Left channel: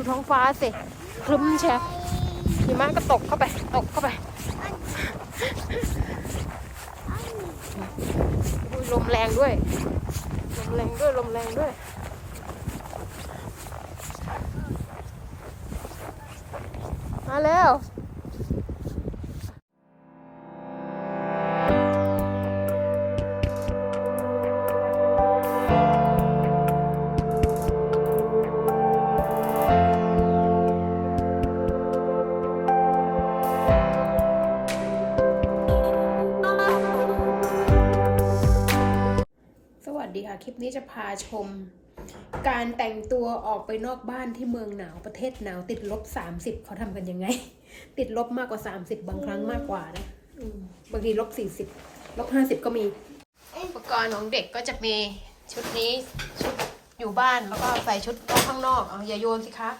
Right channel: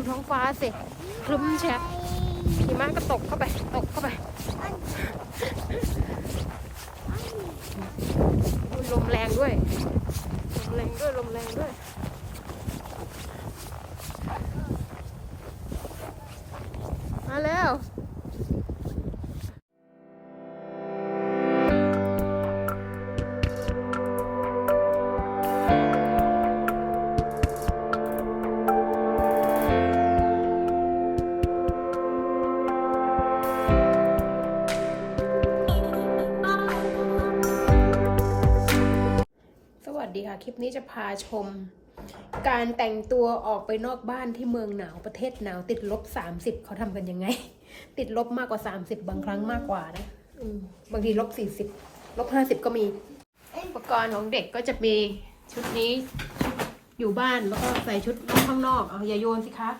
ดูท้องฟ้าสิคลึ้มแชะหิมะก็ตกเข้าไป ตกเข้าไปลมแรงด้วย ลมแรงด้วย ลมแรงด้วย มาแล้ว นี้จะพาชม การแต่งตัวออกไปนอกบ้านที่เมืองหนาวประเทศหนาวติดลบ30เขาทำกันยังไง ติดลบมากกว่า30บางครั้งมากกว่านะอืมบางทีลบ40ลบ50ก็มี อุปกรณ์ของเด็กก็จะมีชุดนี้ชุดอยู่บ้านแล้วก็ใส่ชุดนอกข้างนอกเอาอย่าโยนสิคะ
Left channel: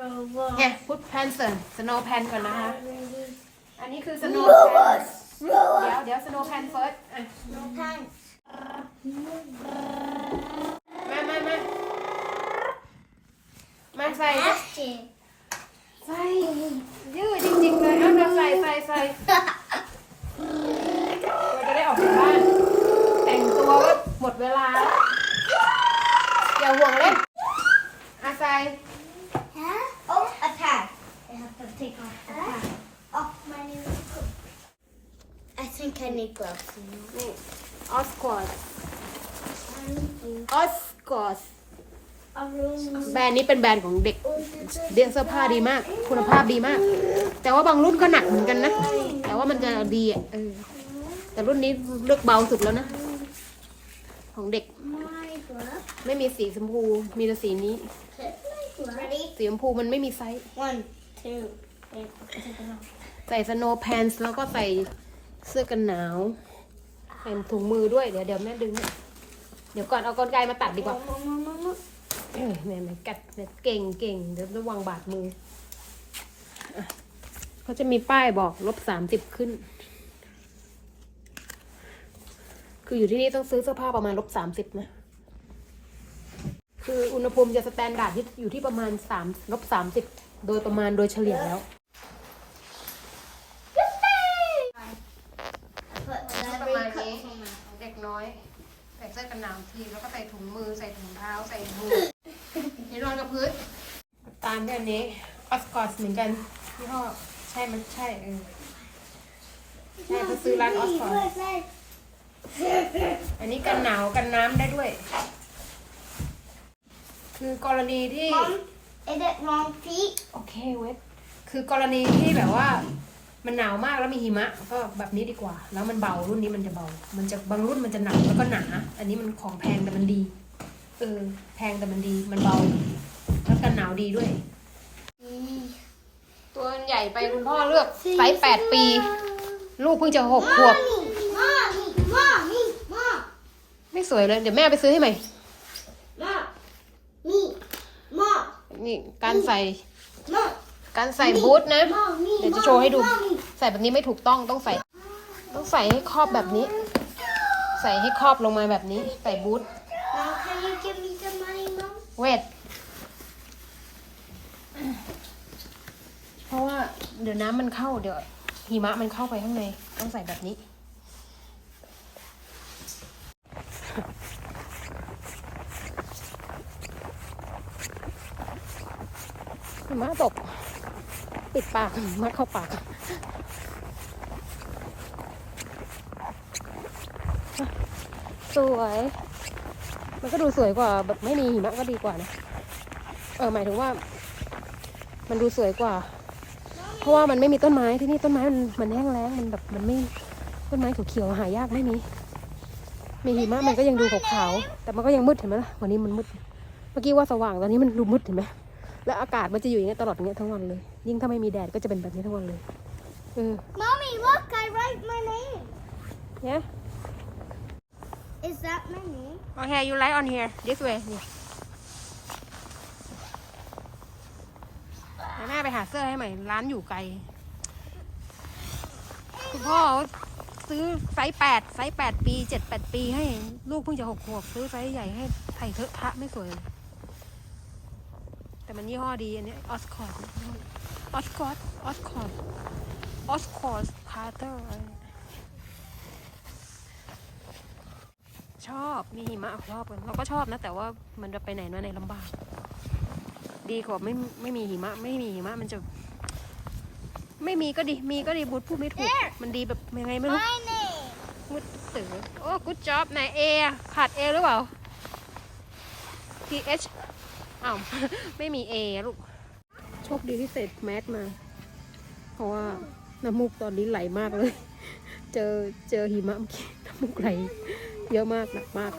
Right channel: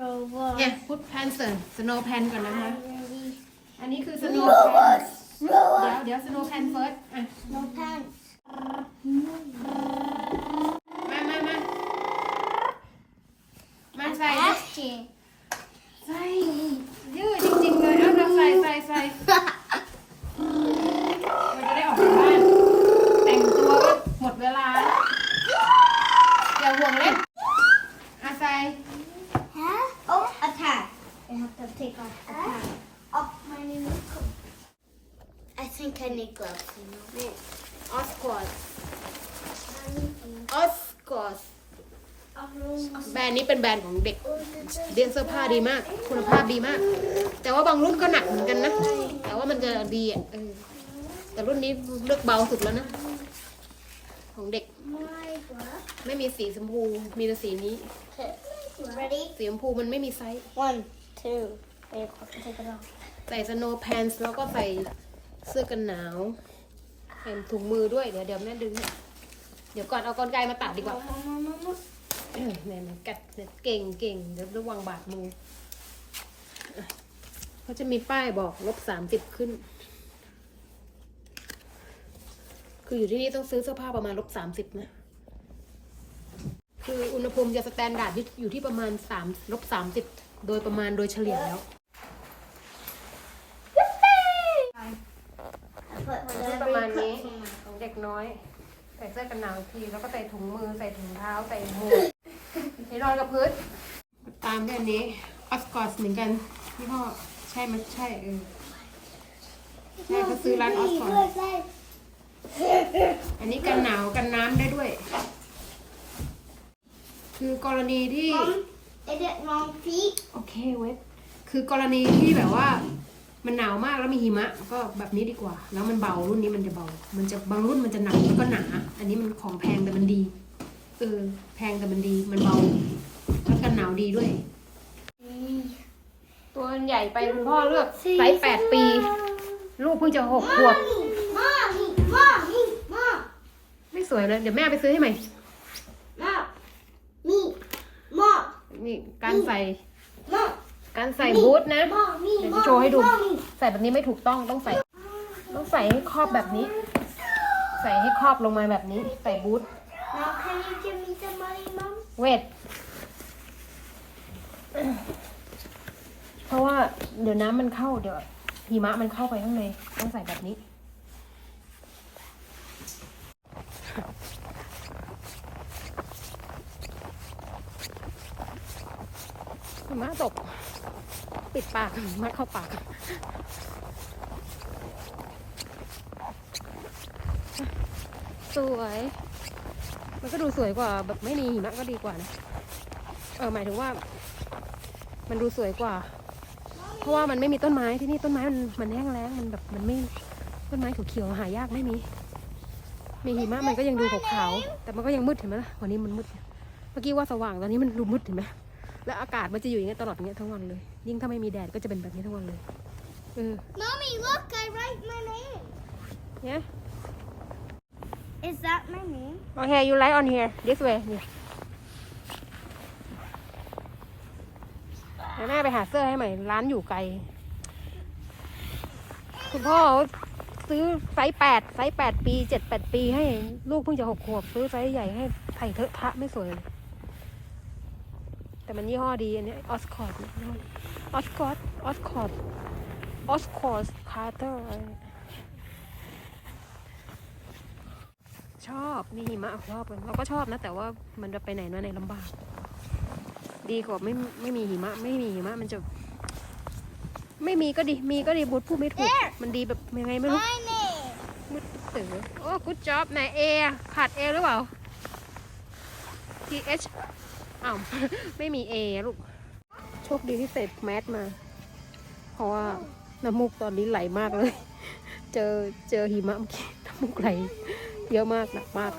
Robot. เนี่ยพุทแพนเซอร์สโนว์แพนก่อนนะคะ Ready. อันนี้คือสโนว์แพน Robot. เดี๋ยว Robot. เดี๋ยวสโนว์แพนเฟิร์สอะ No pants. มามามามาใส่ Asking. ใส่ยืดจริงๆเลยเอามาใส่ใส่ใส่เราจะได้ออกจากบ้าน แต่งตัวก็หมดเวลาแล้ว อย่าห่วงเล่นอาใส่ Huh? Oh, attack. I have to take off the hat. Off my new coat. I think I need gloves, you know. ออสคอร์ออสคอร์ A room. แบรนด์นี้เป็นแบรนด์ของเด็กเรียนเสื้อผ้าดีมาก คุณภาพดีมาก แต่ว่าบางรุ่นก็หนักเหมือนกันนะ แต่ว่ามันจะดีอะเออแต่รุ่นนี้เลือกเบาสุดแล้วนะ ของเด็ก My glove. ไม่มีสีชมพู มีแต่สีนี้ Ready? สีชมพูมันไม่มีไซส์ One, two. Take it off. ใส่สโนว์แพนส์แล้วก็ใส่เสื้อกันหนาวใส่ถุงมือด้วย เดี๋ยวเดี๋ยวแม่ดึง เดี๋ยวก่อนเอากรรไกรมาตัดดีกว่า Mama, mama. เอ้ยเนี่ยมันกัดเดี๋ยวเก่งเก่งเดี๋ยวระวังบาดมืออะเขาจะมีป้ายบอกลบสามสิบขึ้น คืออยู่ที่นี่ต้องซื้อเสื้อผ้าประมาณลบสามสิบนะ คืออุณหภูมิจะสแตนดาร์ดอยู่ที่ประมาณสามลบสามสิบโดยประมาณโดยเฉลี่ยแล้ว Put ประมาณนี้ของเด็กน้อยใส่เสื้อกันหนาวอีกที แล้วก็ใส่ถุงมือใส่ถุงเท้าใส่หมวกนี่นอนกับพื้นตามด้วยอันนี้ออสกอสเหมือนกันยี่ห้อใช่มันใช่เออใช่เขาซื้อร้านออสกอสอันนี้กันหนาวกันน้ำได้ด้วย คือกรณีที่ Mom, is it wrong feet? โอเคเวทคือกรณีที่แบบว่า มันหนาวมากแล้วมีหิมะ ก็แบบนี้ดีกว่า แล้วมันเบารุ่นนี้มันจะเบา มันจะบางรุ่นมันจะหนักแล้วก็หนา อันนี้มันของแพงแต่มันดี เออ แพงแต่มันดี มันเบา แล้วกันหนาวดีด้วย ตัวใหญ่ไปคุณพ่อเลือกไซส์แปดปี ลูกเพิ่งจะหกขวบ Mommy, mommy, mom, ไม่สวยเลย เดี๋ยวแม่เอาไปซื้อให้ใหม่ mom, me, mom, นี่การใส่ mom, การใส่บูทนะ mommy, เดี๋ยวจะโชว์ให้ดู mommy. ใส่แบบนี้ไม่ถูกต้องต้องใส่ ต้องใส่ให้ครอบแบบนี้ ใส่ให้ครอบลงมาแบบนี้ ใส่บูท Now can you give me some money, mom? เวทเพราะว่าเดี๋ยวน้ำมันเข้าเดี๋ยวหิมะมันเข้าไปข้างใน ต้องใส่แบบนี้ มะตก ปิดปากหิมะเข้าปากสวย มันก็ดูสวยกว่าแบบไม่มีหิมะก็ดีกว่านะ เออหมายถึงว่า มันดูสวยกว่า เพราะว่ามันไม่มีต้นไม้ที่นี่ต้นไม้มันมันแห้งแล้งมันแบบมันไม่ต้นไม้เขียวๆหายากไม่มี มีหิมะมันก็ยังดูขาวๆแต่มันก็ยังมืดเห็นไหมล่ะวันนี้มันมืด เมื่อกี้ว่าสว่างตอนนี้มันดูมืดเห็นไหม แล้วอากาศมันจะอยู่อย่างเงี้ยตลอดอย่างเงี้ยทั้งวันเลย ยิ่งถ้าไม่มีแดดก็จะเป็นแบบนี้ทั้งวันเลยเออ Mommy, look, I write my name. เนี่ย Is that my name? Okay you light on here this way นี่เดี๋ยวแม่ไปหาเสื้อให้ใหม่ร้านอยู่ไกล คุณพ่อซื้อไซส์แปดไซส์แปดปีเจ็ดแปดปีให้ลูกเพิ่งจะหกขวบซื้อไซส์ใหญ่ให้ไถ่เถอะพระไม่สวยเลย แต่มันยี่ห้อดีอันเนี้ออสคอร์ดออสคอร์ดออสคอร์ดออสคอร์ดคาร์เตอร์ชอบมีหิมะชอบกันเราก็ชอบนะ แต่ว่ามันจะไปไหนมาไหนลำบาก ดีกว่าไม่ไม่มีหิมะ ไม่มีหิมะมันจะไม่มีก็ดี มีก็ดีบุตรผู้ไม่ถูก มันดีแบบยังไงไม่รู้ My name. มุดตือโอ้กูจ็อบไหนเอขาดเอหรือเปล่า T H อ้าวไม่มีเอลูก โชคดีที่ใส่แมสมา เพราะว่าน้ำมูกตอนนี้ไหลมากเลย เจอเจอหิมะเมื่อกี้น้ำมูกไหล เยอะมากหนักมาก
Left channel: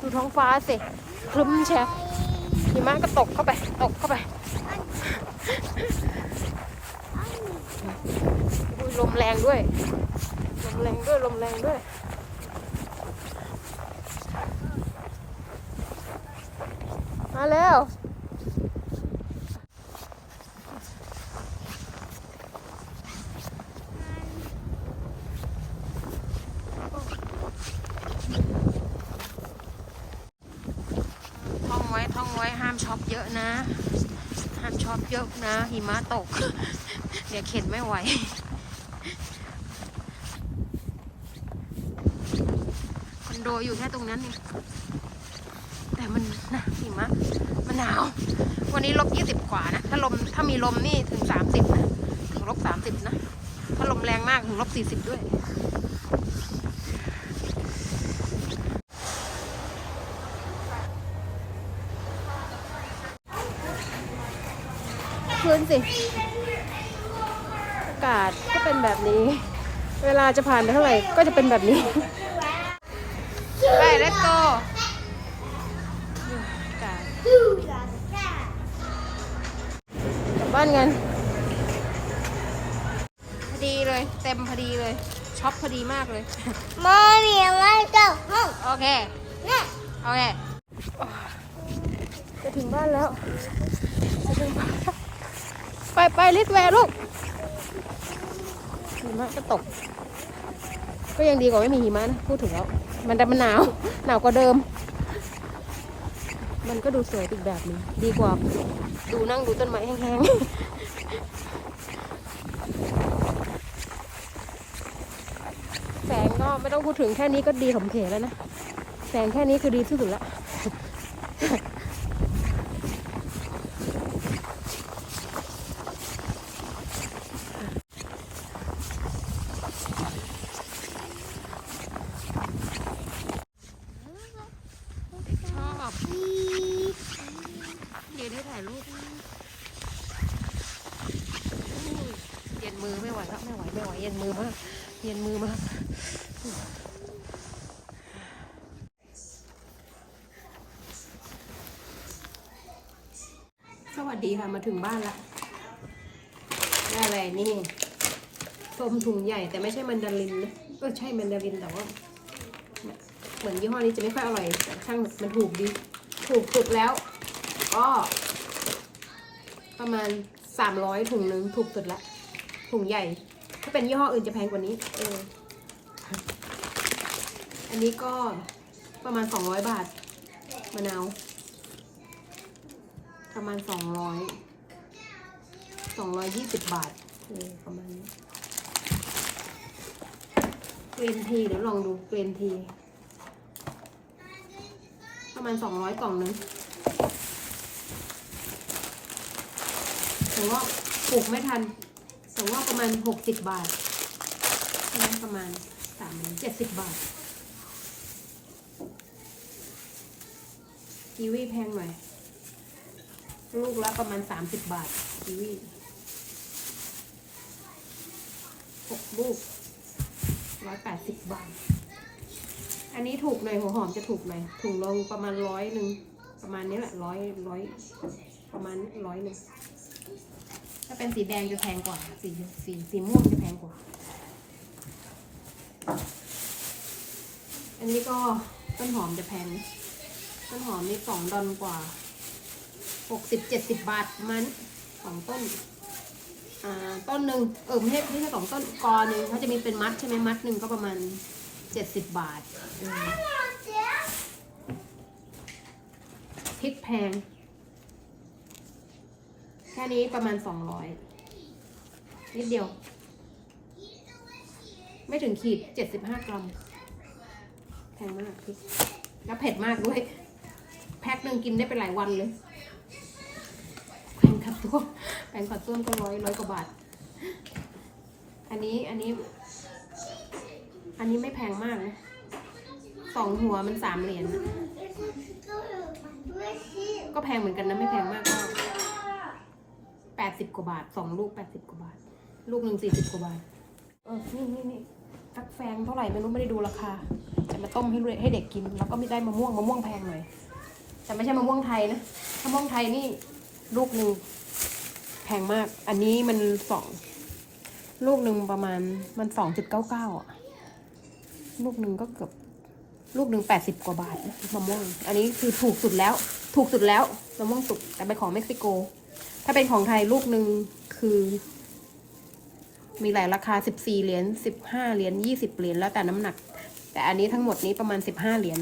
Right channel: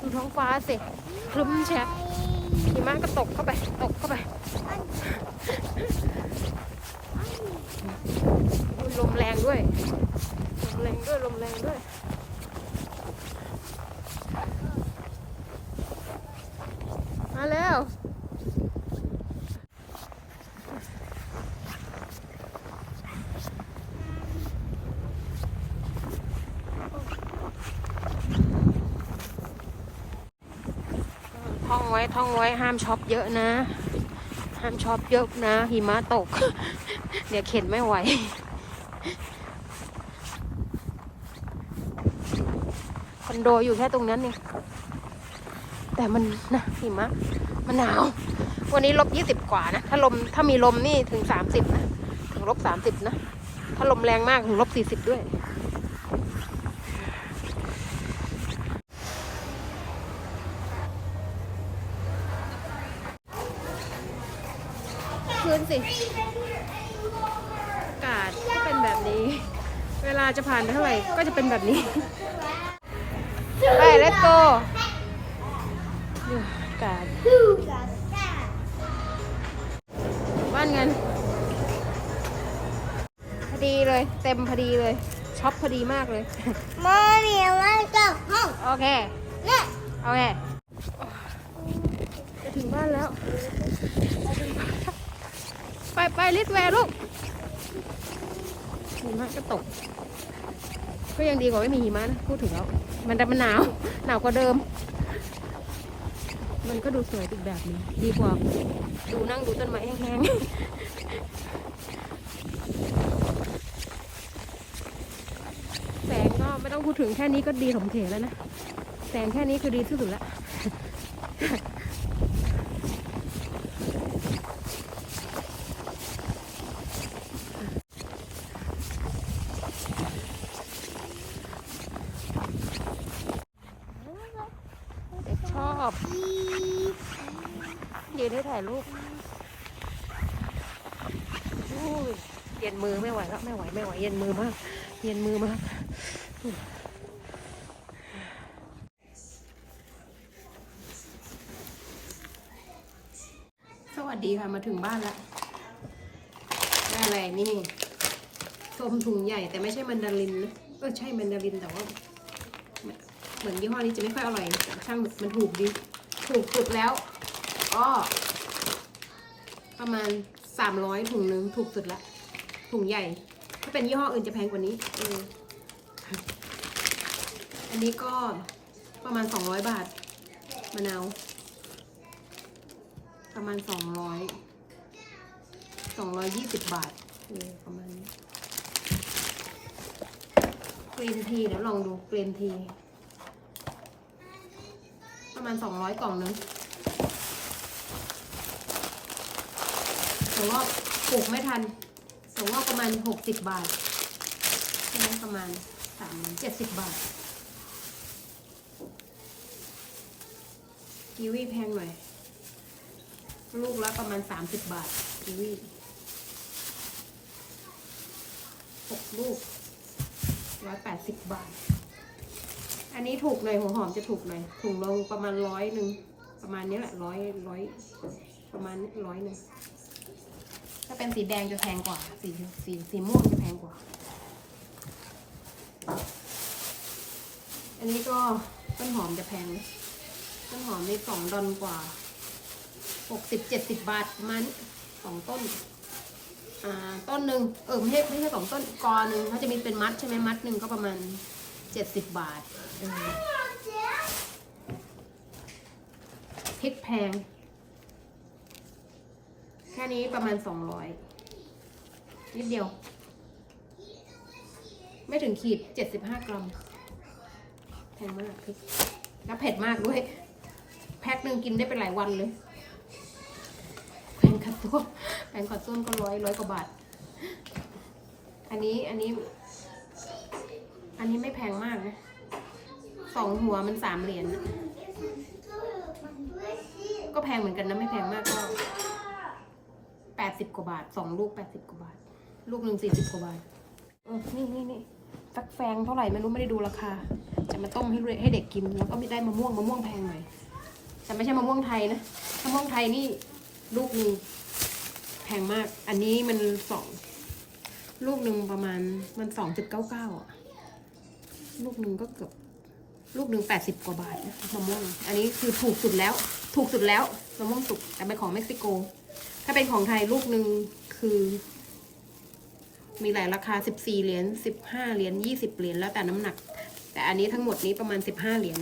ดูท้องฟ้าสิครึ้มแชะหิมะก็ตกเข้าไป ตกเข้าไปลมแรงด้วย ลมแรงด้วย ลมแรงด้วย มาแล้วท่องไว้ท่องไว้ห้ามช็อปเยอะนะ ห้ามช็อปเยอะนะ หิมะตก เดี๋ยวเข็นไม่ไหวคอนโดอยู่แค่ตรงนั้นเอง แต่มันนะหิมะมันหนาว วันนี้ลบยี่สิบกว่านะ ถ้าลมถ้ามีลมนี่ถึงสามสิบนะ ถึงลบสามสิบนะ ถ้าลมแรงมากถึงลบสี่สิบด้วยพื้นสิ อากาศก็เป็นแบบนี้ เวลาจะผ่านไปเท่าไหร่ก็จะเป็นแบบนี้ ไป let's go อา กาศ Who got that? กลับบ้านกันพอดีเลย เต็มพอดีเลยช็อปพอดีมากเลย Mommy, I want to go home. โอเค Look. โอเคจะถึงบ้านแล้วจะถึงบ้านแล้วไปไปลิสแวร์ลูกหิมะก็ตก ก็ยังดีกว่าไม่มีหิมะนะ พูดถึงแล้ว มันแต่มันหนาว หนาวกว่าเดิม มันก็ดูสวยอีกแบบหนึงดีกว่า ดูนั่งดูต้นไม้แห้งๆ แสงก็ไม่ต้องพูดถึงแค่นี้ก็ดีสมเขแล้วนะ แสงแค่นี้คือดีที่สุดละ เด็กชอบยืนให้ถ่ายรูปเย็นมือไม่ไหวแล้วไม่ไหวไม่ไหวเย็นมือมาก เย็นมือมากสวัสดีค่ะมาถึงบ้านละได้อะไรนี่ส้มถุงใหญ่แต่ไม่ใช่มันดารินนะเออใช่แมันดารินแต่ว่าเหมือนยี่ห้อนี้จะไม่ค่อยอร่อยแต่ช่างมันถูกดี ถูกสุดแล้วก็ ประมาณสามร้อยถุงนึงถูกสุดละ ถุงใหญ่ ถ้าเป็นยี่ห้ออื่นจะแพงกว่านี้ เออ อันนี้ก็ประมาณสองร้อยบาท มะนาว ประมาณสองร้อยสองร้อยยี่สิบบาทเออประมาณนี้กรีนทีเดี๋ยวลองดูกรีนที ประมาณสองร้อยกล่องนึง แต่ว่าปลูกไม่ทันแต่ว่าประมาณหกสิบบาทใช่ไหมประมาณสามเจ็ดสิบบาท กีวีแพงหน่อย ลูกละประมาณสามสิบบาท กีวีหกลูกร้อยแปดสิบบาท อันนี้ถูกหน่อยหัวหอมจะถูกหน่อยถุงลงประมาณร้อยหนึ่งประมาณนี้แหละร้อยร้อยประมาณร้อยหนึ่ง ถ้าเป็นสีแดงจะแพงกว่า สีสีสีม่วงจะแพงกว่า อันนี้ก็ต้นหอมจะแพง ต้นหอมนี่สองดอนกว่าหกสิบเจ็ดสิบบาทมาณนี้สองต้น อ่าต้นหนึ่งเออไม่ใช่ไม่ใช่สองต้นกอหนึ่งเขาจะมีเป็นมัดใช่ไหมมัดหนึ่งก็ประมาณเจ็ดสิบบาทเออริกแพง ค่นี้ประมาณสองร้อยนิดเดียว ไม่ถึงขีดเจ็ดสิบห้ากรัม แพงมากพริกแล้วเผ็ดมากด้วย แพ็คหนึ่งกินได้เป็นหลายวันเลยแพงขัดส้วมแพงขัดส้วมก็ร้อยร้อยกว่าบาท อันนี้อันนี้ อันนี้ไม่แพงมากนะสองหัวมันสามเหรียญนะก็แพงเหมือนกันนะไม่แพงมากก็ แปดสิบกว่าบาทสองลูกแปดสิบกว่าบาท ลูกหนึ่งสี่สิบกว่าบาท เออ นี่นี่นี่สักแฟงเท่าไหร่ไม่รู้ไม่ได้ดูราคา จะมาต้มให้เให้เด็กกิน แล้วก็ไม่ได้มะม่วงมะม่วงแพงหน่อย แต่ไม่ใช่มะม่วงไทยนะ ถ้ามะม่วงไทยนี่ลูกหนึ่งแพงมาก อันนี้มันสองลูกหนึ่งประมาณมันสองจุดเก้าเก้าอะ ลูกหนึ่งก็เกือบลูกหนึ่งแปดสิบกว่าบาทนะมะม่วง อันนี้คือถูกสุดแล้ว ถูกสุดแล้วมะม่วงสุกแต่เป็นของเม็กซิโก ถ้าเป็นของไทยลูกหนึ่งคือ มีหลายราคาสิบสี่เหรียญสิบห้าเหรียญยี่สิบเหรียญแล้วแต่น้ำหนัก แต่อันนี้ทั้งหมดนี้ประมาณสิบห้าเหรียญ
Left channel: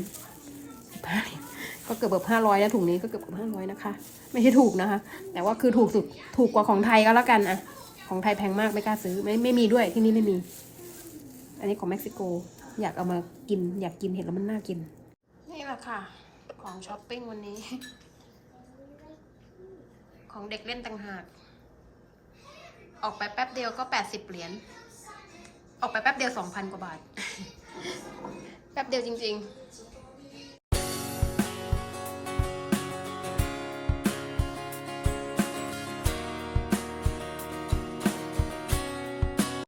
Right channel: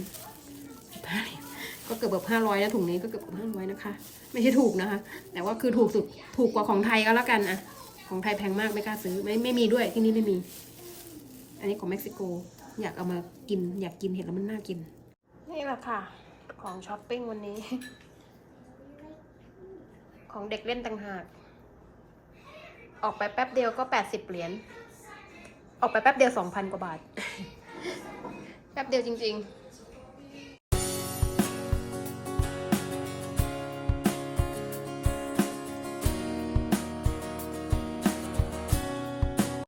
สิบห้าเหรียญก็เกือบแบบห้าร้อยแล้วถุงนี้ก็เกือบห้าร้อยนะคะ ไม่ใช่ถูกนะคะ แต่ว่าคือถูกสุดถูกกว่าของไทยก็แล้วกันอะของไทยแพงมากไม่กล้าซื้อไม่ไม่มีด้วยที่นี่ไม่มี อันนี้ของเม็กซิโก อยากเอามากิน อยากกินเห็นแล้วมันน่ากิน นี่แหละค่ะ ของช้อปปิ้งวันนี้ ของเด็กเล่นต่างหาก ออกไปแป๊บเดียวก็แปดสิบเหรียญ ออกไปแป๊บเดียวสองพันกว่าบาท แป๊บเดียวจริง ๆ